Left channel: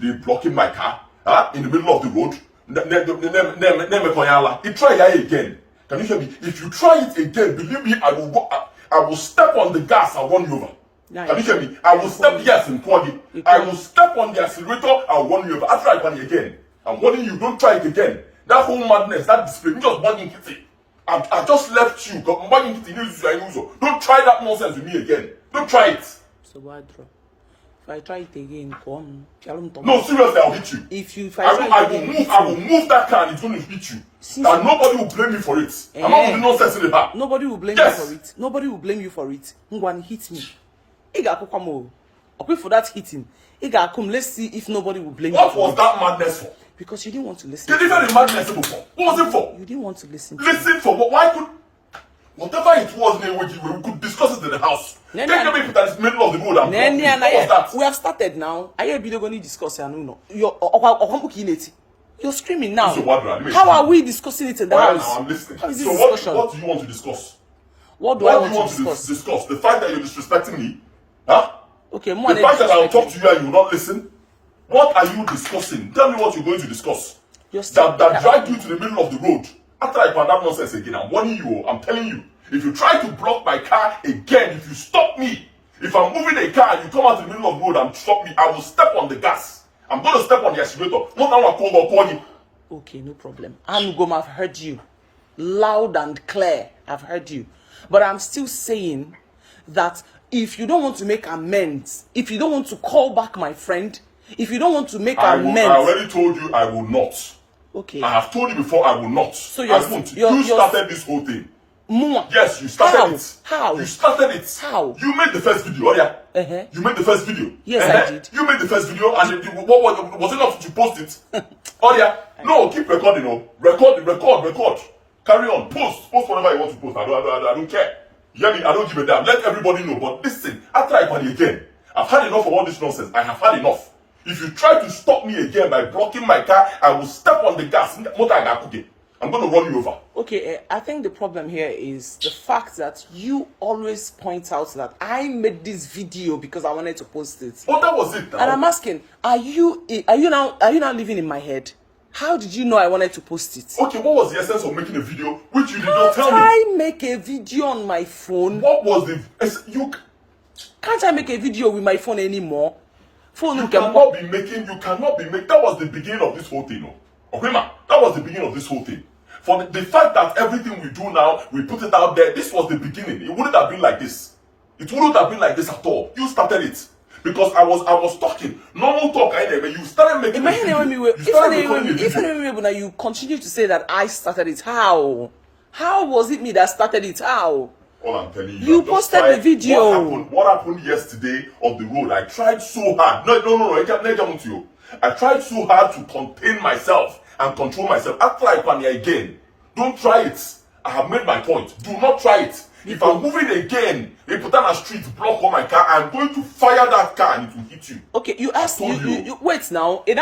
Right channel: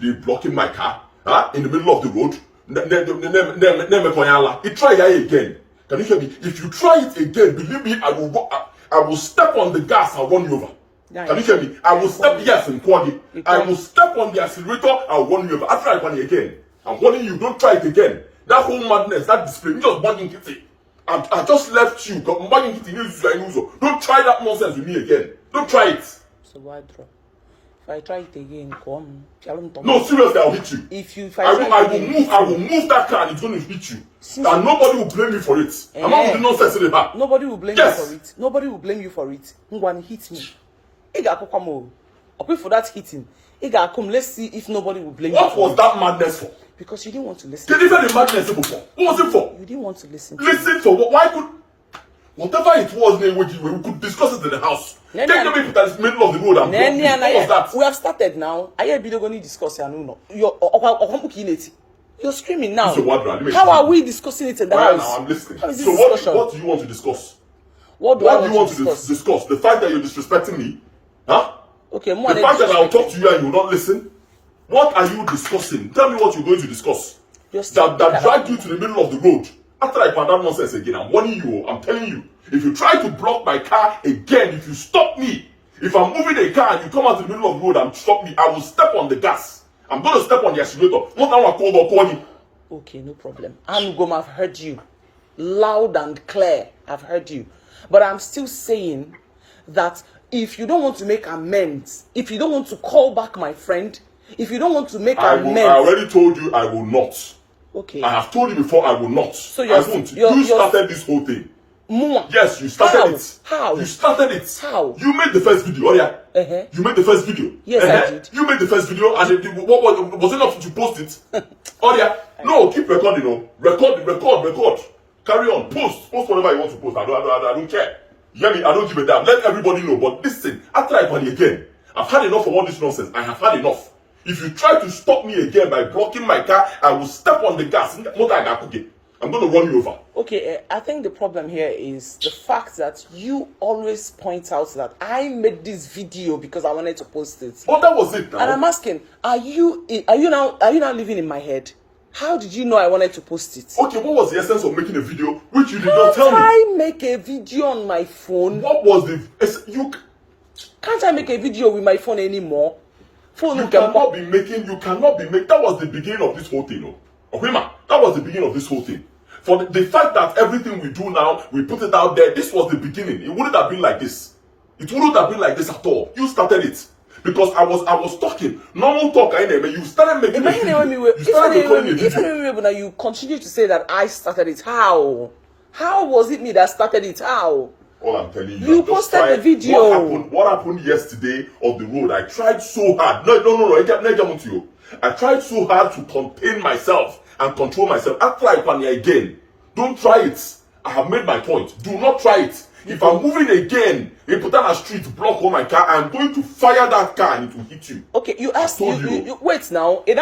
They blocking my car, in the middle of the road. He try again. Can you hear me? If you try it again, believe me, I will step on the gas and run you over. Can you hear me? I will step I will step on the accelerator and run you over. After I run again, I'm warning you, don't try it again. That whole madness, that display, you just burning it. I just left you. Don't try that nonsense with me again. Don't try it. So why draw? If I try it again, come. No, seriously, I'll hit you. I will move that car and it's going to hit you. And nobody will blame me for it. I'm not doing nonsense in the back. Nobody will blame you for it. Nobody will blame you for it. Who want to hit me? I'll pay for that hitting. Let's see if nobody will blame you. What was that madness for? Because you didn't want to listen. You didn't even madness before. What was it for? You didn't want to listen. Listen for what? Why could whatever it was, we could discuss it in the house. Take the people that is in the middle of the road and block me. What was that? We have started now. I hear video going to discuss and you're screaming now. How are we discussing it in the house? Now I'm listening. So what do you want to discuss? What do you want to discuss? The fact that you're disrespecting me? Huh? Okay, the fact that I'll talk to you and you will not listen? What are you discussing? Tell me what you're going to discuss. That dragged you to the middle of the road. After I found out nonsense again, I'm warning you, I'm telling you. If you try to block my car again, if you stop me, if I'm moving a car and you come out to the middle of the road and stop me, I will step on the gas. I'm going to step on the accelerator. Not how I call you. Okay, no problem. I've heard you. Loud and clear, I've heard you. But I'm still saying that if you don't want to make amends, if you don't want to call back my friend, if you don't want to make amends... I already told you I will not. Okay. I have told you before I will not. So I won't. You started this whole thing. Yes, you started it. How? You started it. How? You made the first video, You made the first video. Yes, I did. You made the first video, and what was enough to post it? No, keep recording, record. Carry on, post whatever you want to post. I don't care. You hear me? I don't give a damn. Let everybody know. But listen, after I party again, I've had enough of all this nonsense. I have had enough. If you try to stop me again by blocking my car, I will step on the gas. I'm going to run you over. Okay, I think the problem here is the fact that you always point out that I made this video because I wanted to post it. Oh, that was it now. And I'm asking, are you now living in my head? How did you know I wanted to post it? Okay, what was the essence of making a video which you did not tell me? I make a video on my phone? What was the... Can't I make a video with my phone anymore? You cannot be making... That was the beginning of this whole thing. That was the beginning of this whole thing. For the fact that everything we do now, we put it out there, this was the beginning. It wouldn't have been like this. It wouldn't have been like this at all. You started it. Because I was talking. Normal talk, but you started making a video. But you continue to say that I started it. How? How was it me that started it? How? All I'm telling you. You posted the video. What happened yesterday on the road? I tried so hard. No. I tried so hard to contain myself and control myself. After I pan again, don't try it. I have made my point. Do not try it. If I'm moving again, you put on a street, block on my car, I'm going to fire that car and it will hit you. Okay, you asked you wait now. Is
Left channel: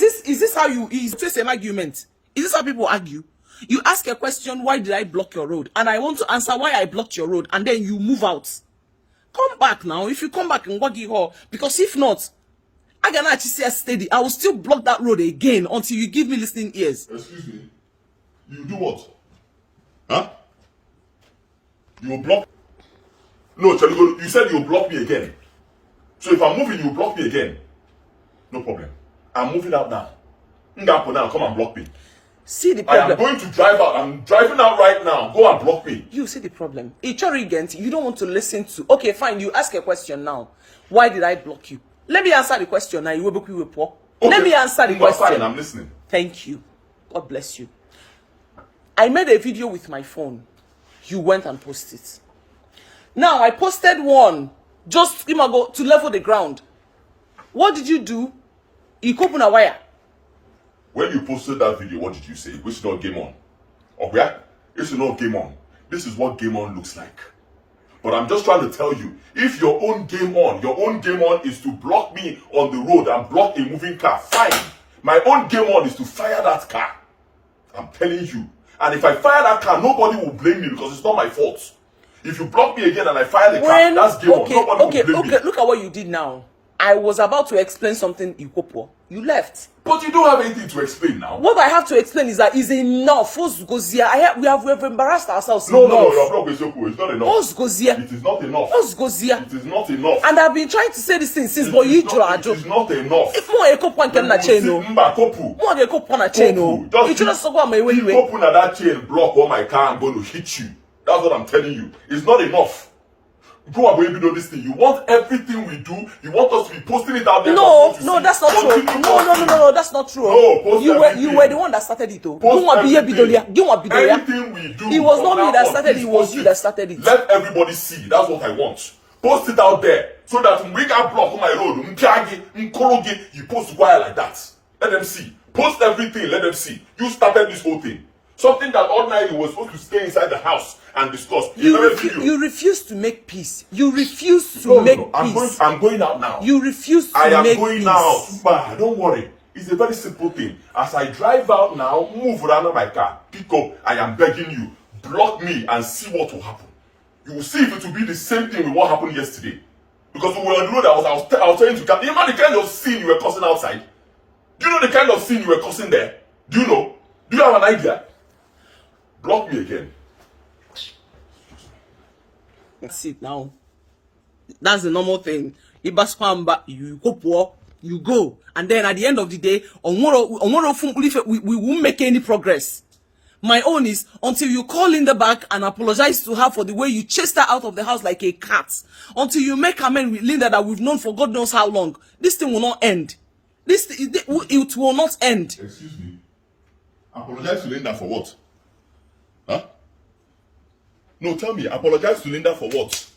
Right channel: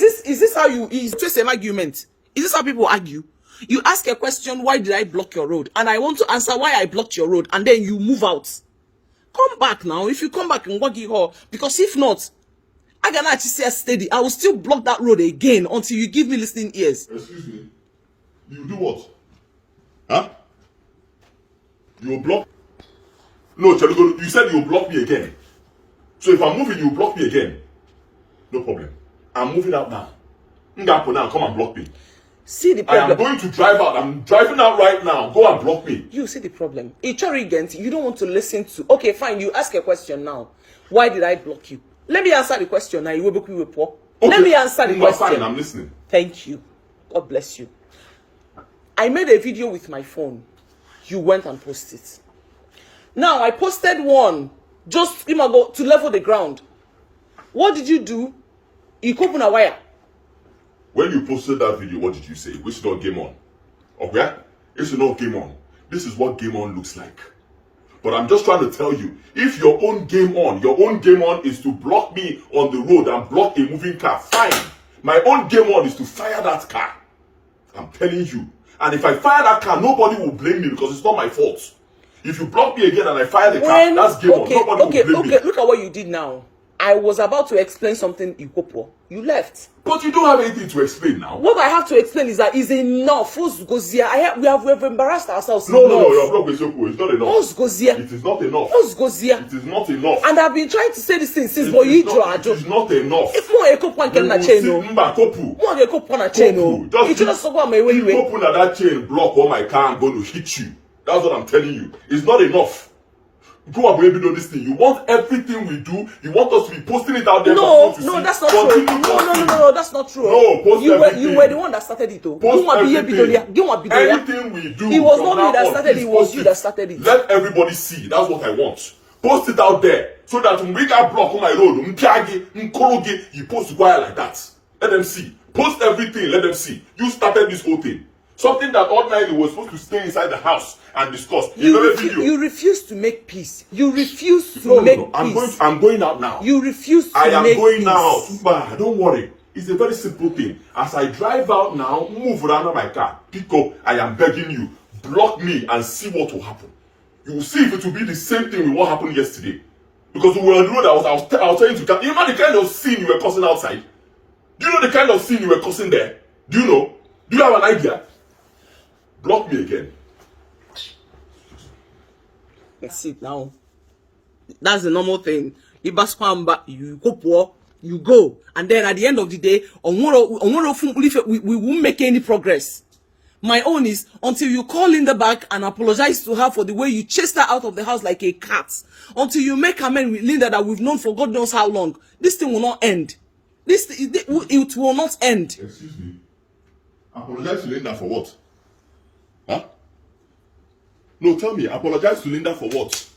this how you is an argument? Is this how people argue? You ask a question, why did I block your road? And I want to answer why I blocked your road, and then you move out. Come back now. If you come back and walk it all, because if not, I cannot actually steady. I will still block that road again until you give me listening ears. Excuse me. You do what? Huh? You will block? No, you said you will block me again. So if I'm moving, you will block me again. No problem. I'm moving out now. Now, come and block me. See the problem. I am going to drive out. I'm driving out right now. Go and block me. You see the problem. It's arrogant. You don't want to listen to. Okay, fine. You ask a question now. Why did I block you? Let me answer the question now. You will be poor. Okay. Let me answer the question. Fine, I'm listening. Thank you. God bless you. I made a video with my phone. You went and posted it. Now I posted one just to level the ground. What did you do? You open a wire. When you posted that video, what did you say? We should not game on. Okay? It should not game on. This is what game on looks like. But I'm just trying to tell you, if your own game on is to block me on the road and block a moving car, fine. My own game on is to fire that car. I'm telling you. And if I fire that car, nobody will blame me because it's not my fault. If you block me again and I fire the car, that's game on. Nobody will blame me. Look at what you did now. I was about to explain something Ikopo. You left. But you don't have anything to explain now. What I have to explain is that is enough. We have embarrassed ourselves. No, it's not enough. It is not enough. It is not enough. And I've been trying to say this thing since it is not enough. If more Ikopo can na chain, more Ikopo na chain. It just so my way. Ikopo na that chain block on my car, I'm going to hit you. That's what I'm telling you. It's not enough. Go and baby know this thing. You want everything we do, you want us to be posting it out there. No, that's not true. No, that's not true. No, post you everything. were the one that started it. Anything we do, it was not me that started it, it was you that started it. Let everybody see. That's what I want. Post it out there so that when we got block on my road, you post wire like that. Let them see. Post everything, let them see. You started this whole thing. Something that all night you were supposed to stay inside the house and discuss. You refuse to make peace. You refuse to make peace. I'm going out now. You refuse to make peace. I am going out. Don't worry. It's a very simple thing. As I drive out now, move around my car, pick up. I am begging you, block me and see what will happen. You will see if it will be the same thing with what happened yesterday. Because we were on the road, I was trying to come. You know the kind of scene you were causing outside? Do you know the kind of scene you were causing there? Do you know? Do you have an idea? Block me again. That's it now. That's the normal thing. You go. And then at the end of the day, we won't make any progress. My own is until you call Linda back and apologize to her for the way you chased her out of the house like a cat. Until you make amends with Linda that we've known for God knows how long. This thing will not end. It will not end. Excuse me. Apologize to Linda for what? Huh? No, tell me, apologize to Linda for what?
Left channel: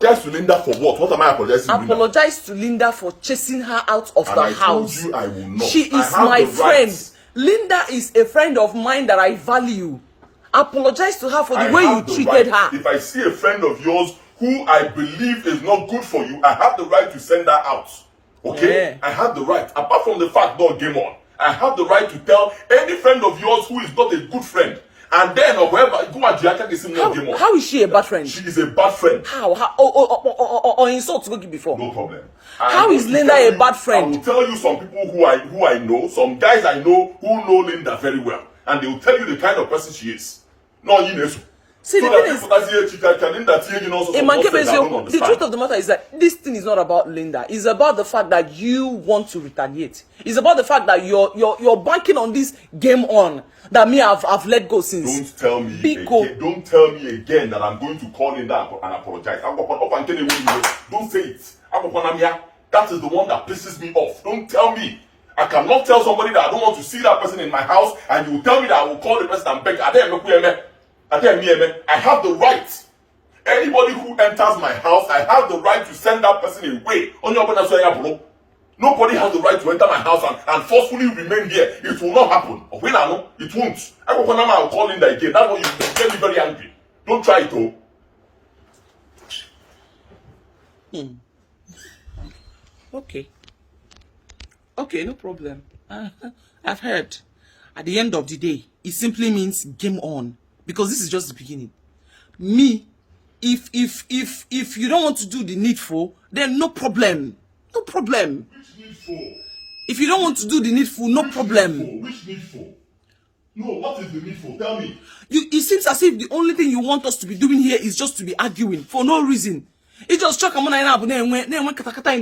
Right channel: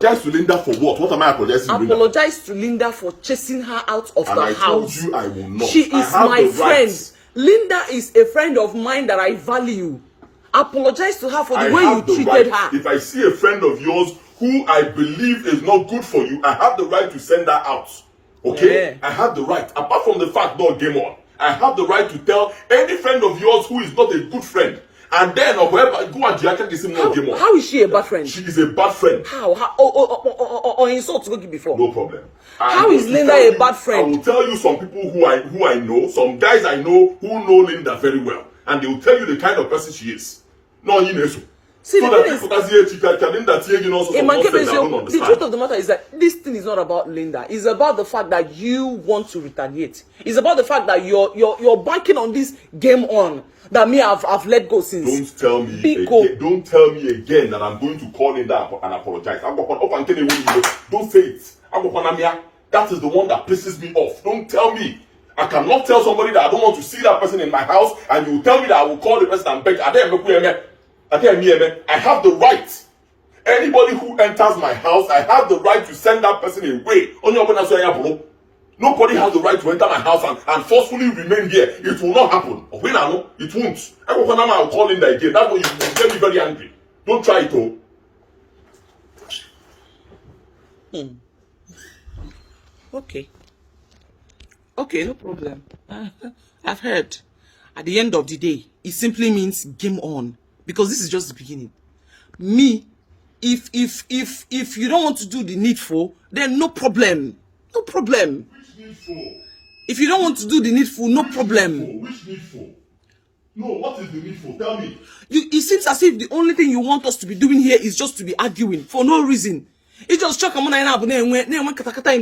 Apologize to Linda for what? What am I apologizing to Linda? Apologize to Linda for chasing her out of the house. I told you I will not. She is my friend. Linda is a friend of mine that I value. Apologize to her for the way you treated her. If I see a friend of yours who I believe is not good for you, I have the right to send her out. Okay? Yeah. I have the right. Apart from the fact, don't game on. I have the right to tell any friend of yours who is not a good friend. And then, or wherever, go and Giaka this no game on. How is she a bad friend? She is a bad friend. How? Or insult to go before? No problem. How is Linda a bad friend? I will tell you some people who I know, some guys I know who know Linda very well. And they will tell you the kind of person she is. No, you know so. See, so the truth of the matter is that this thing is not about Linda. It's about the fact that you want to retaliate. It's about the fact that you're banking on this game on that me I've let go since. Don't tell me again that I'm going to call Linda and apologize. Don't say it. That is the one that pisses me off. Don't tell me. I cannot tell somebody that I don't want to see that person in my house, and you tell me that I will call the person and beg. I have the right. Anybody who enters my house, I have the right to send that person away. Nobody has the right to enter my house and forcefully remain here. It will not happen. It won't. I'll call Linda again. That way you get me very angry. Don't try it, Okay, no problem. I've heard. At the end of the day, it simply means game on. Because this is just the beginning. Me, if you don't want to do the needful, then no problem. No problem. Which needful? If you don't want to do the needful, no problem. Which needful? No, what is the needful? Tell me. It seems as if the only thing you want us to be doing here is just to be arguing for no reason. It just struck a man in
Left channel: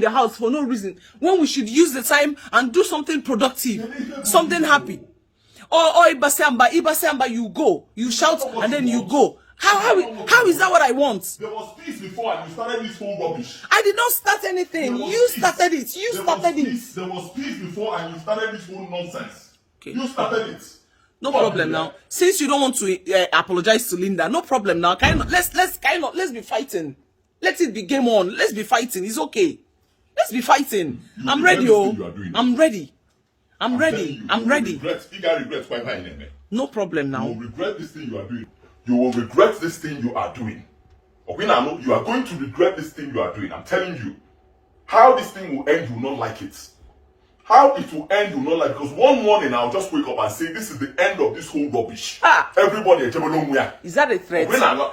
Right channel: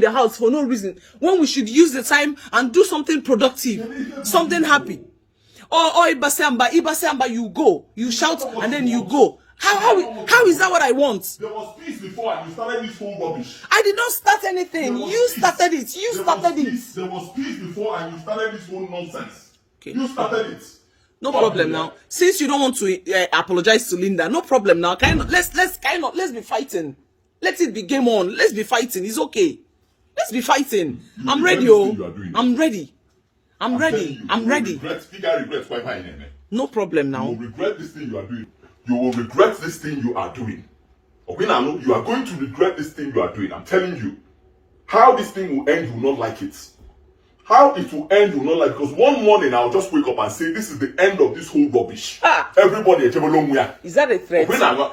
the house for no reason. When we should use the time and do something productive, something happy. Or Ibasamba, you go, you shout, and then you go. How is that what I want? There was peace before and you started this whole rubbish. I did not start anything. You started it. You started it. There was peace before and you started this whole nonsense. Okay. You started it. No problem now. Since you don't want to apologize to Linda, no problem now. Let's be fighting. Let it be game on. Let's be fighting. It's okay. Let's be fighting. I'm ready, I'm ready. I'm ready. No problem now. You will regret this thing you are doing. You will regret this thing you are doing. Okay, now you are going to regret this thing you are doing. I'm telling you. How this thing will end, you will not like it. How it will end, you know, like, because one morning I'll just wake up and say, this is the end of this whole rubbish. Everybody, is that a threat?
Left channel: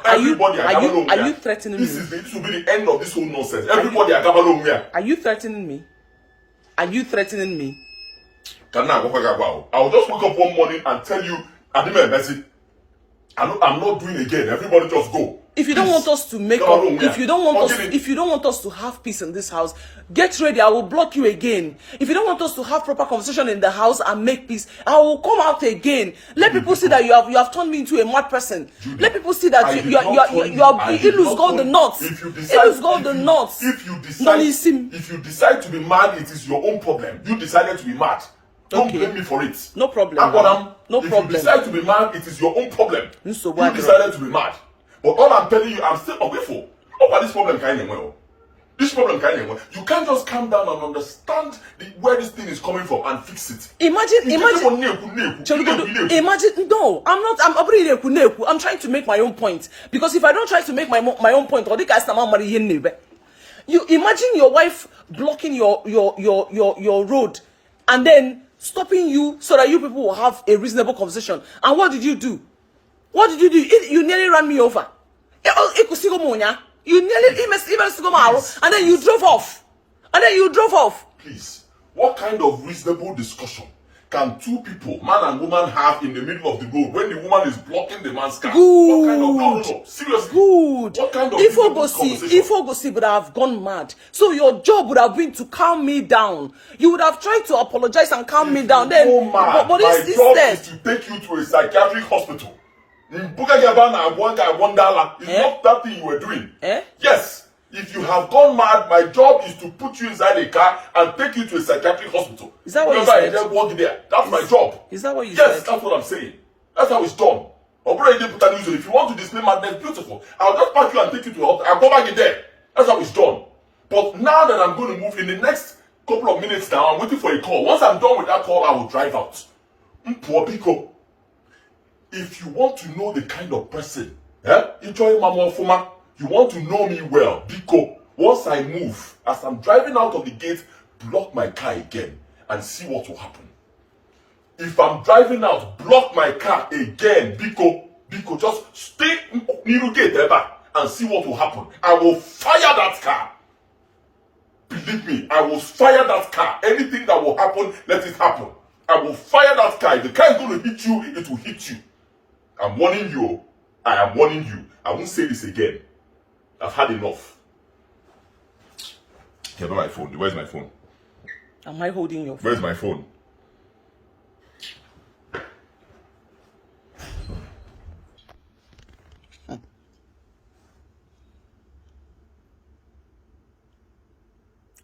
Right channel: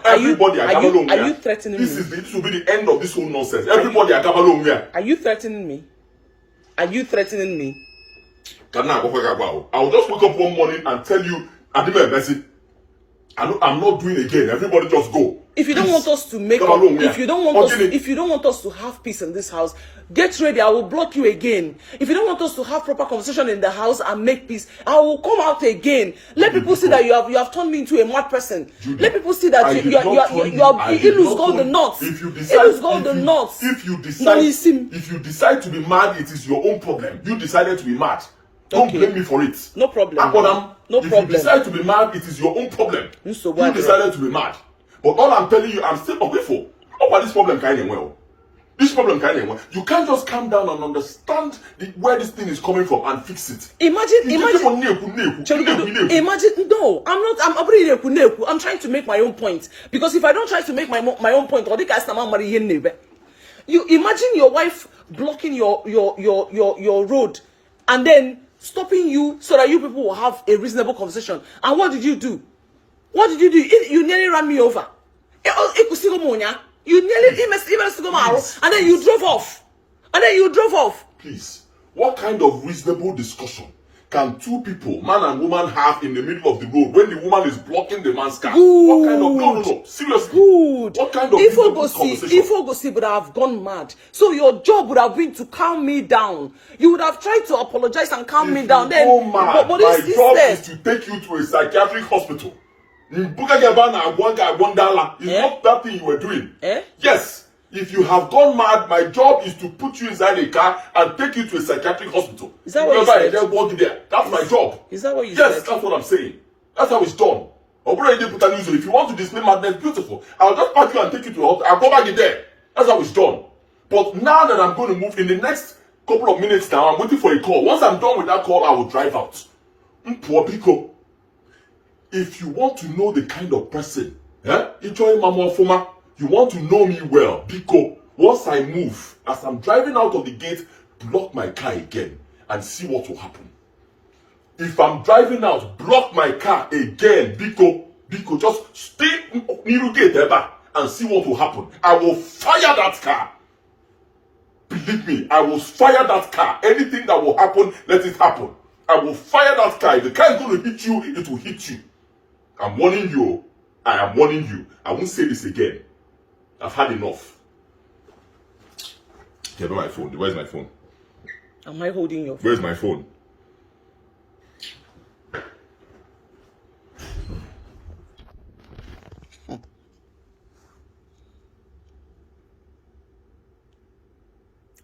Everybody, are you threatening me? This will be the end of this whole nonsense. Everybody, are you threatening me? Are you threatening me? I'll just wake up one morning and tell you, I'm not doing again. Everybody just go. If you don't want us to make up, if you don't want us to have peace in this house, get ready. I will block you again. If you don't want us to have proper conversation in the house and make peace, I will come out again. Let people see that you have turned me into a mad person. Judy, let people see that you lose all the nuts. If you decide to be mad, it is your own problem. You decided to be mad. Don't blame me for it. No problem. If you decide to be mad, it is your own problem. Nsogbu. You decided to be mad. But all I'm telling you, I'm still ungrateful. About this problem kind of well. This problem kind of well. You can't just calm down and understand where this thing is coming from and fix it. Imagine. No, I'm trying to make my own point. Because if I don't try to make my own point, you imagine your wife blocking your road and then stopping you so that you people will have a reasonable conversation. And what did you do? You nearly ran me over. You nearly and then you drove off. Please, what kind of reasonable discussion can two people, man and woman, have in the middle of the road when the woman is blocking the man's car? What kind of no, seriously? Good. What kind of conversation? If would have gone mad. So your job would have been to calm me down. You would have tried to apologize and calm me down. Then, but my job is to take you to a psychiatric hospital. It's not that thing you were doing. Yes. If you have gone mad, my job is to put you inside a car and take you to a psychiatric hospital. Is that what you said? That's my job. Is that what you said? Yes, that's what I'm saying. That's how it's done. If you want to display madness, beautiful. I'll just pack you and take you to the hospital. I'll go back in there. That's how it's done. But now that I'm going to move in the next couple of minutes now, I'm waiting for a call. Once I'm done with that call, I will drive out. Poor Pico. If you want to know the kind of person, you want to know me well, Biko, once I move, as I'm driving out of the gate, block my car again and see what will happen. If I'm driving out, block my car again, Biko, just stay near the gate ever and see what will happen. I will fire that car. Believe me, I will fire that car. Anything that will happen, let it happen. I will fire that car. If the car is going to hit you, it will hit you. I'm warning you. I am warning you. I won't say this again. I've had enough. Okay, my phone. Where's my phone? Am I holding your phone? Where's my phone?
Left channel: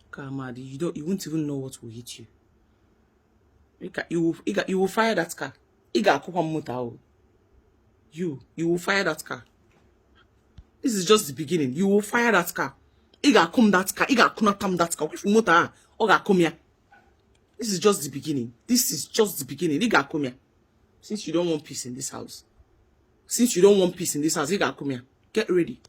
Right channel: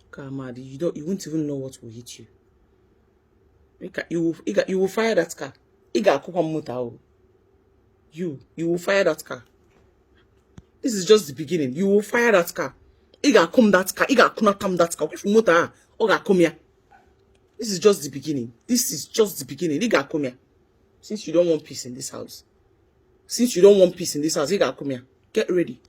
Kamadi, you won't even know what will hit you. You will fire that car. You will fire that car. This is just the beginning. You will fire that car. Come that car. Come that car. If you motor, come here. This is just the beginning. This is just the beginning. Come here. Since you don't want peace in this house. Get ready.